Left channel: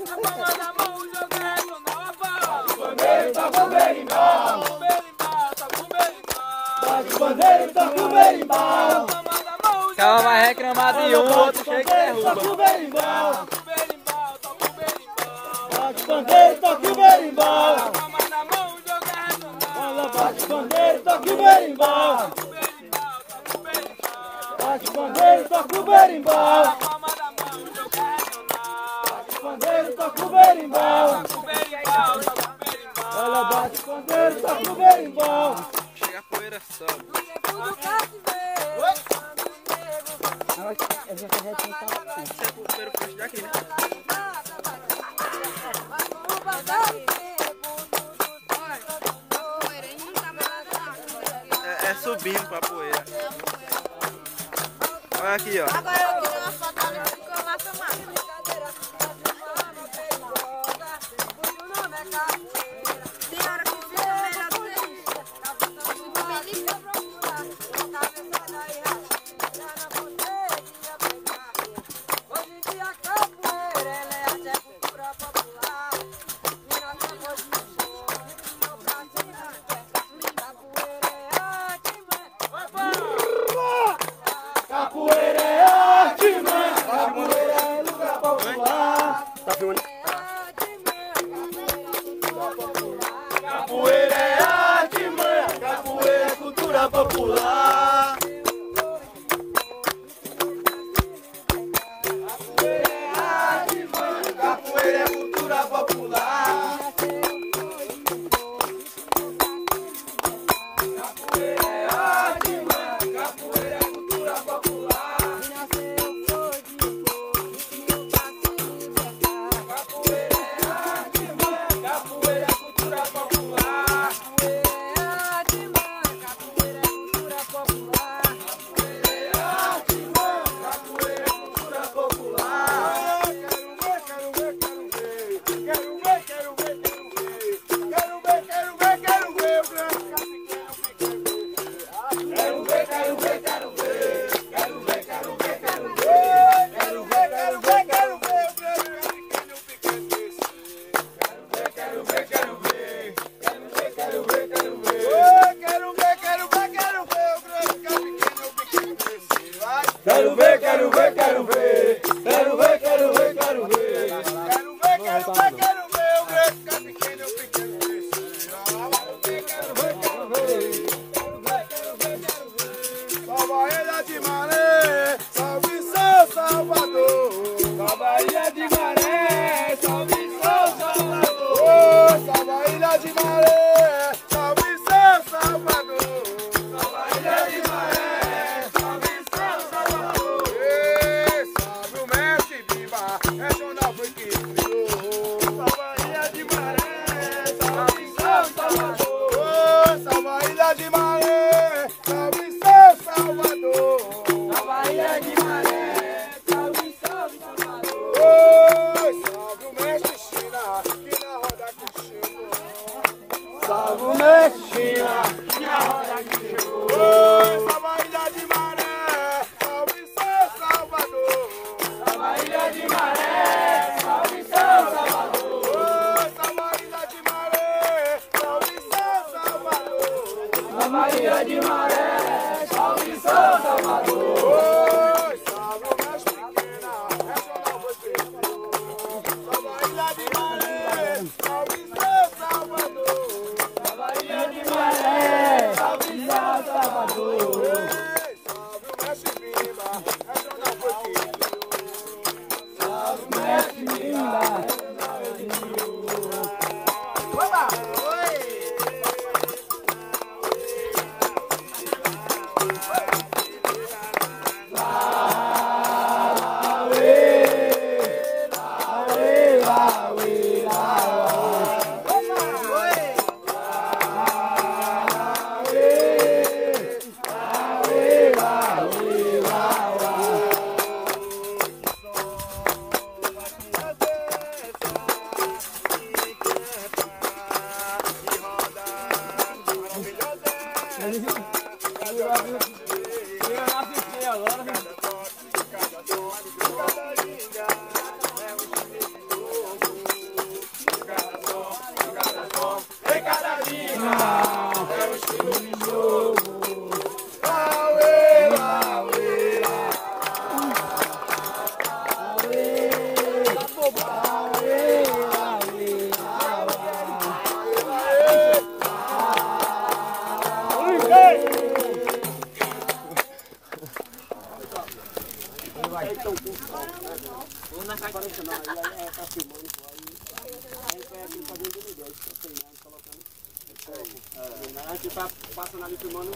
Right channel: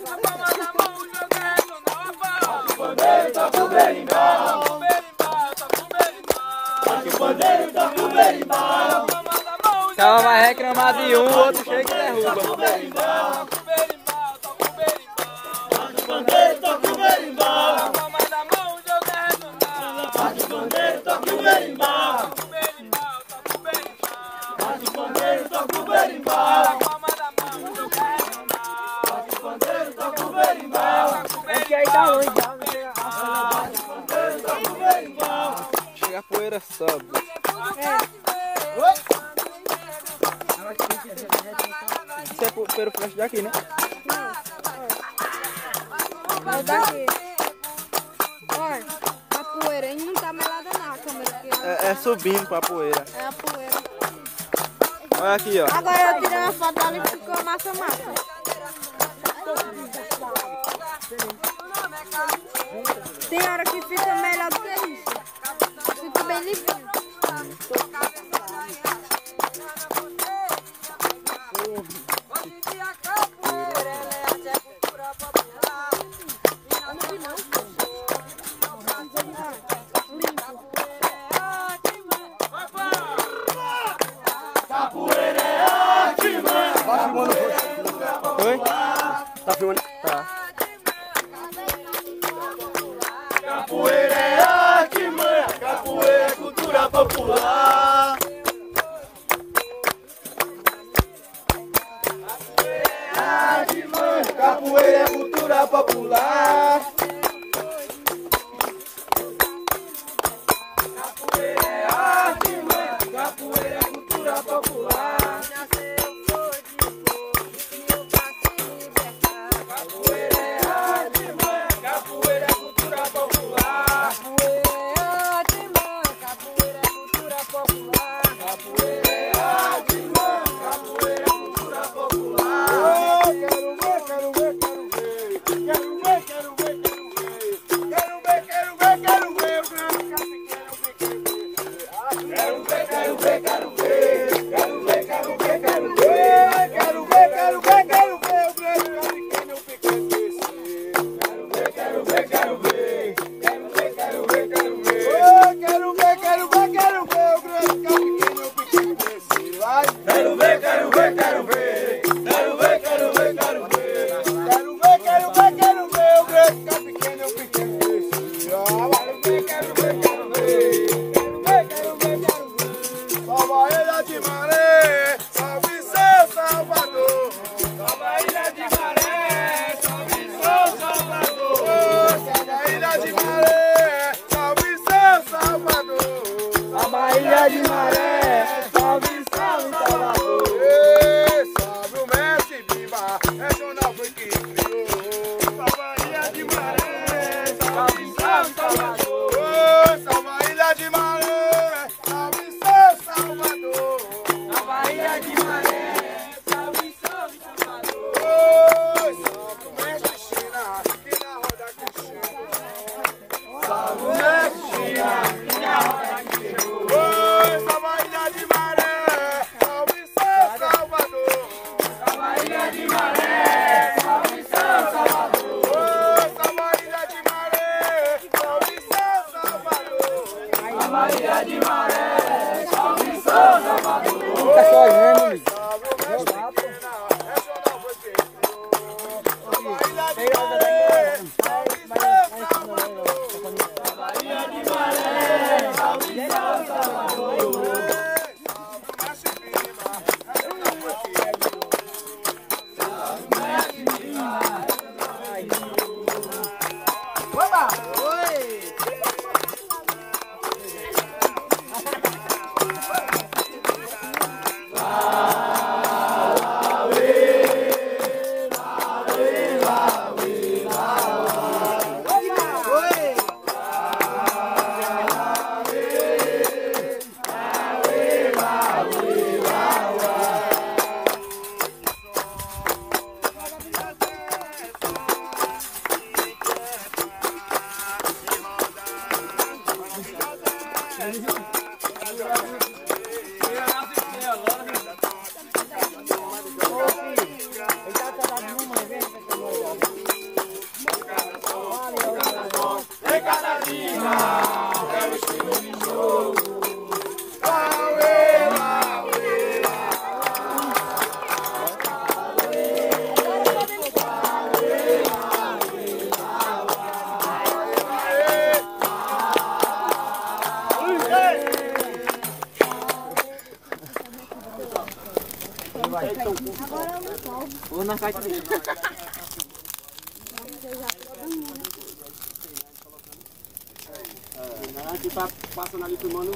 O cara vai reclamar de um, o outro chega e derruba. Toca o berimbau. Toca o berimbau. Toca o berimbau. Toca o berimbau. Chega a poeira sobe. Isso é pelo flash daqui, né? A poeira ainda não tá melada na câmera. É subindo pra poeira. É a poeira. Olha aqui, ó. Agora eu tirei uma foto ali que ficou massa. Tem hora que fica melhor do que isso. Fica bem lisinho. Capoeira é arte, mano. Tá filmando? Tá. Capoeira é arte, mano. Capoeira é cultura popular. Capoeira é arte, mano. Capoeira é cultura popular. Capoeira é arte, mano. Capoeira é cultura popular. Quero ver, quero ver, quero ver. Quero ver, quero ver, quero ver. Quero ver, quero ver, quero ver. O grande pequeno, o pequeno. Quero ver, quero ver, quero ver. Quero ver, quero ver, quero ver. Salva a Ilha de Maré, salve São Salvador. Salva a Ilha de Maré, salve São Salvador. Salva a Ilha de Maré, salve São Salvador. Salva a Ilha de Maré, salve São Salvador. Salve o mestre Bimba, regional foi que criou. Salva a Ilha de Maré, salve São Salvador. Salva a Ilha de Maré, salve São Salvador. Salva a Ilha de Maré, salve São Salvador. Salve o mestre China, que na roda que chegou. Salve o mestre China, que na roda que chegou. Salva a Ilha de Maré, salve São Salvador. Salva a Ilha de Maré. Ou na caixa. A gente tá passando ali filmando.